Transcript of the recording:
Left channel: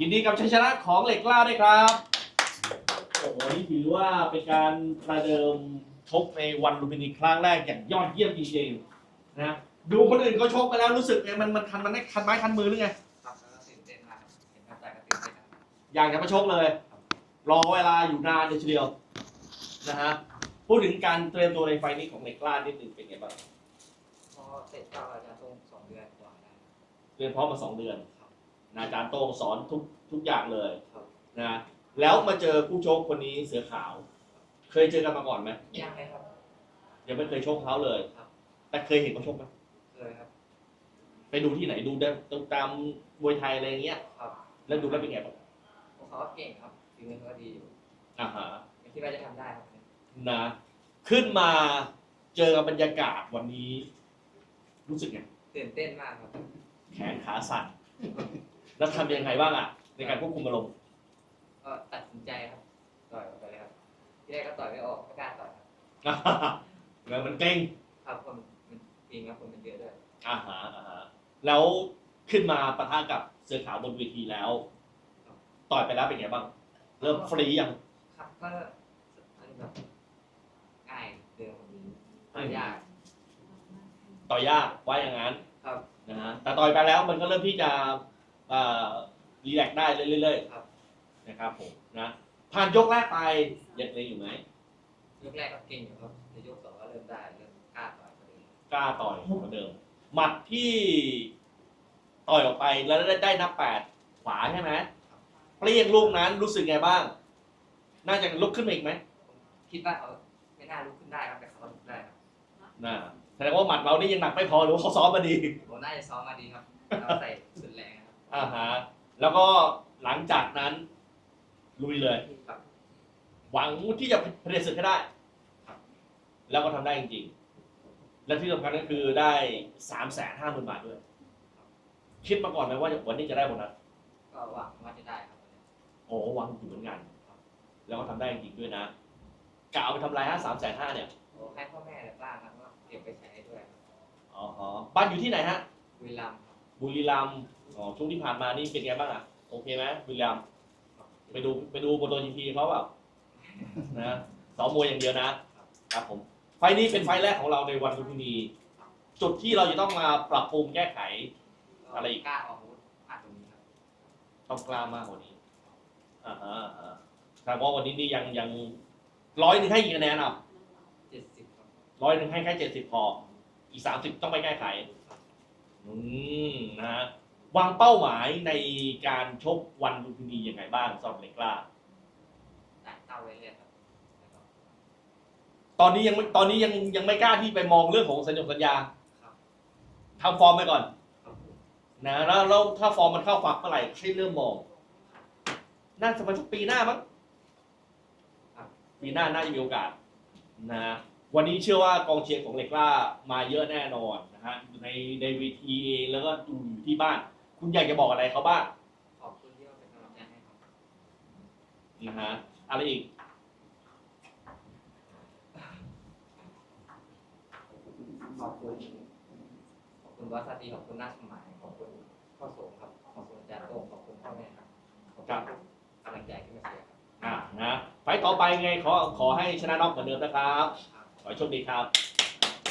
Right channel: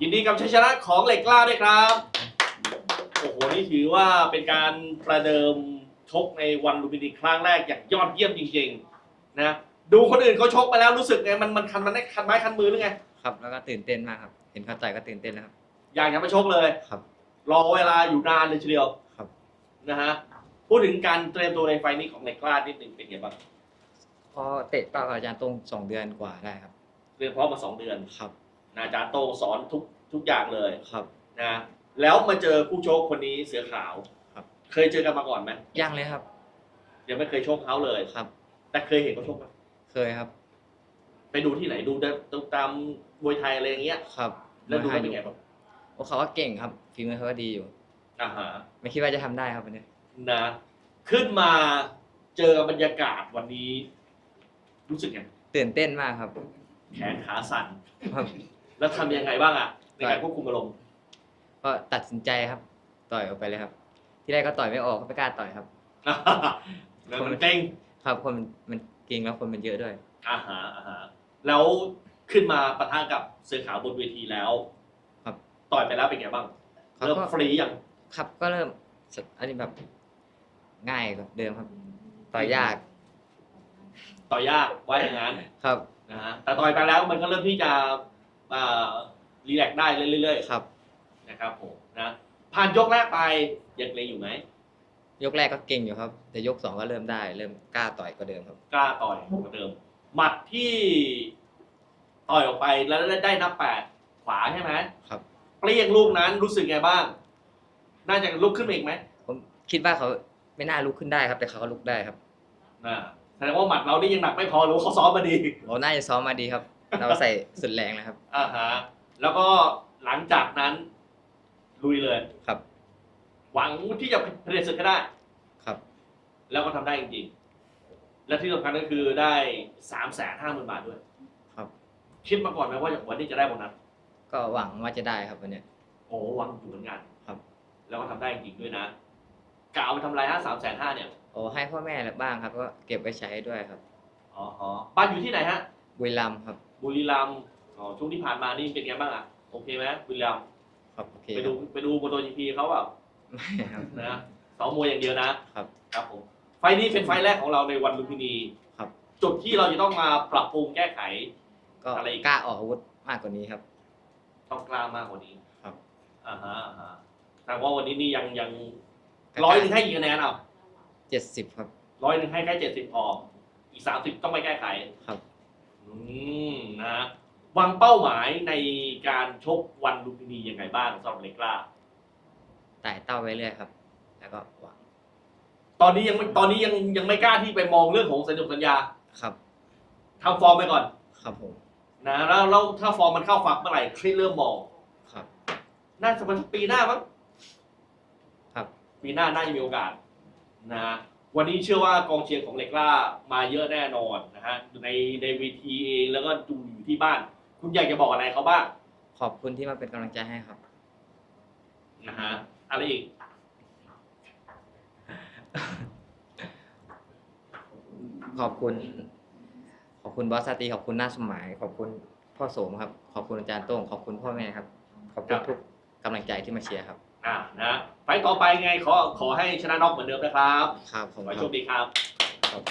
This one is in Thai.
ยินดีกับชัยชนะของเหล็กกล้าด้วยครับ โอ้โห นี่ถือว่าเป็นการประเดิมชกในวันลุมพินีครั้งแรกอย่างยอดเยี่ยมจริงๆนะ ดูคนอื่นเขาชกไปแล้วรู้สึกไงมันมันคันมันได้คันไม้คันมือหรือไง ครับแล้วก็ตื่นเต้นมากครับ เห็นเขาต่อยก็ตื่นเต้นนะครับ อยากจะมาชกเลย ครับ รอเวลาอยู่นานเลยทีเดียวครับ นะฮะ พูดถึงการเตรียมตัวในไฟล์นี้ของเหล็กกล้านิดหนึ่งเป็นไงบ้างพอเตะต่อกับอาจารย์ตรงสองเดือนกว่าได้ครับ เตรียมพร้อมมาสองเดือน ครับ นะอาจารย์โต้งสอนทุกทุกอย่างเลยครับ นะแล้วมาเจอคู่ชกคนนี้เสือขาวครับ เคยเจอกันมาก่อนไหมยังเลยครับ ยังไม่เคยชกเขาเลย ครับ แต่เคยเห็นเขาชกไหมเคยครับ ไปดูที่ไหนดูได้ดูตามมวยไทยอะไรอย่างเงี้ย ครับแล้วดูแล้วเป็นไงบ้างโอ้เขาก็เก่งครับฝีมือเขาก็ดีอยู่ อ่าฮะไม่คิดว่าจะทำได้ครับวันนี้นะ ขึ้นมาเจอบรรยากาศวันนี้ รู้สึกไงตื่นเต้นมากครับ แขนขาสั่นครับ แล้วทำยังไงบ้างอะในการควบคุมอารมณ์ก็ตัดสินใจครับ ต่อยออกไปเลยครับ ที่แรกก็ต่อยไม่ออกไม่กล้าต่อยครับ แล้วมันเกร็งครับคนมันมันเก่งแล้วคนมันเยอะด้วยอ่าฮะอ่าฮะแล้วขึ้นมาปะทะกับเสือขาวบนเวทีแล้วครับ ต่อยไปแล้วเป็นไงบ้างเขาเริ่มก็ฟรียังครับก็เริ่มสอันนี้แบบง่ายกว่าเดิมครับ ต่อยยาก ต่อยยากว่าอย่างนั้นครับนะฮะแต่ต่อยไปแล้วมันก็เริ่มที่จะเอ่อ รีแลกซ์ได้เรื่อยครับๆนะครับผมนะผ่านยกแรกไปยังเกรงอยู่ไหมยกแรกก็เก่งอยู่ครับ แต่ยกสองก็เริ่มได้ เริ่มกล้าต่อยกว่าเดิมครับ กล้าต่อยเหมือนเดิมหมัดที่ต่อยออกไปแล้วได้นับแปดขวาใช่ไหมครับเปรี้ยงลูกนั้นรู้สึกไงบ้าง น่าจะลุกขึ้นมาอีกไหมผมคิดว่าเขาไม่น่าลุกขึ้นได้ครับ แต่เขาก็ลุกได้ครับนะแสดงว่าหมัดเรานี่ยังหนักไม่พอหรือว่าเขาซ้อมมาดีเราน่าจะซ้อมมาดีครับ เราใส่สุดแรงเลยครับ อ่าฮะแล้วก็หลังจากนั้น ลุยเลยครับ หวังที่จะผลิตศึกให้ได้ครับ แล้วก็ทำได้จริงๆ และที่สำคัญก็คือได้สามแสนห้าหมื่นบาทด้วยครับ คิดมาก่อนไหมว่าวันนี้จะได้โบนัสก็หวังว่าจะได้ครับวันเนี้ย โอ้หวังอยู่เหมือนกันครับ แล้วก็ทำได้จริงๆด้วยนะกะเอาไปทำลายห้าสามแสนห้าเนี่ยโอ้ให้พ่อแม่อะไรบ้างครับ ก็เก็บไว้ใช้ด้วยครับ อ๋อฮะบ้านอยู่ที่ไหนฮะ บุรีรัมย์ครับ บุรีรัมย์อ๋อช่วงที่ผ่านมานี่เป็นไงบ้างอะโอเคไหมบุรีรัมย์ครับโอเคไปดูไปดูโมโตจีพีเขาแบบไม่ครับ นะสองมวยอย่างเดียวนะครับ ครับผมไฟล์นี้เป็นไฟล์แรกของเราในวันลุมพินีครับ จุดที่เราจะต้องมาปรับปรุงแก้ไข ก็อะไรอีก กล้าออกอาวุธมากกว่านี้ครับ ต้องกล้ามากกว่านี้ครับ อ่าฮะอ่าฮะแต่ว่าวันนี้นี่ยังยังร้อยหนึ่งให้กี่คะแนนอะเจ็ดสิบครับ ร้อยหนึ่งให้แค่เจ็ดสิบพออีกสามสิบต้องไปแก้ไขครับอืมนะฮะ วางเป้าหมายในการชกวันลุมพินียังไงบ้างสำหรับเล็กกล้าไต่เต้าไปเรื่อยครับ แล้วก็หวังตอนนี้ยังไม่ตอนนี้ยังยังไม่กล้าที่ไปมองเรื่องของสัญญาสัญญาครับทำฟอร์มไปก่อน ครับผมนะแล้วแล้วถ้าฟอร์มมันเข้าฝักเมื่อไหร่คลิปเริ่มมองครับ น่าจะเป็นสักปีหน้ามั้งครับ ปีหน้าน่าจะมีโอกาสนะฮะวันนี้เชื่อว่ากองเชียร์ของเหล็กล่ามาเยอะแน่นอนนะฮะในในเวทีเองแล้วก็ดูอยู่ที่บ้าน คุณอยากจะบอกอะไรเขาบ้างขอบคุณที่มาเป็นกำลังใจให้ครับ นะฮะอะไรอีก ขอบคุณ ขอบคุณบอสซาตีขอบคุณหน้าสมัย ขอบคุณพ่อโสมครับ ขอบคุณอาจารย์โต้งขอบคุณพ่อแม่ครับ ขอบคุณทุกกำลังใจที่มาเชียร์ครับ อ่านะ ไฟต์ต่อไปไงขอขอให้ชนะน็อกเหมือนเดิมนะครับครับผขมอให้โชคดีครับ ครับ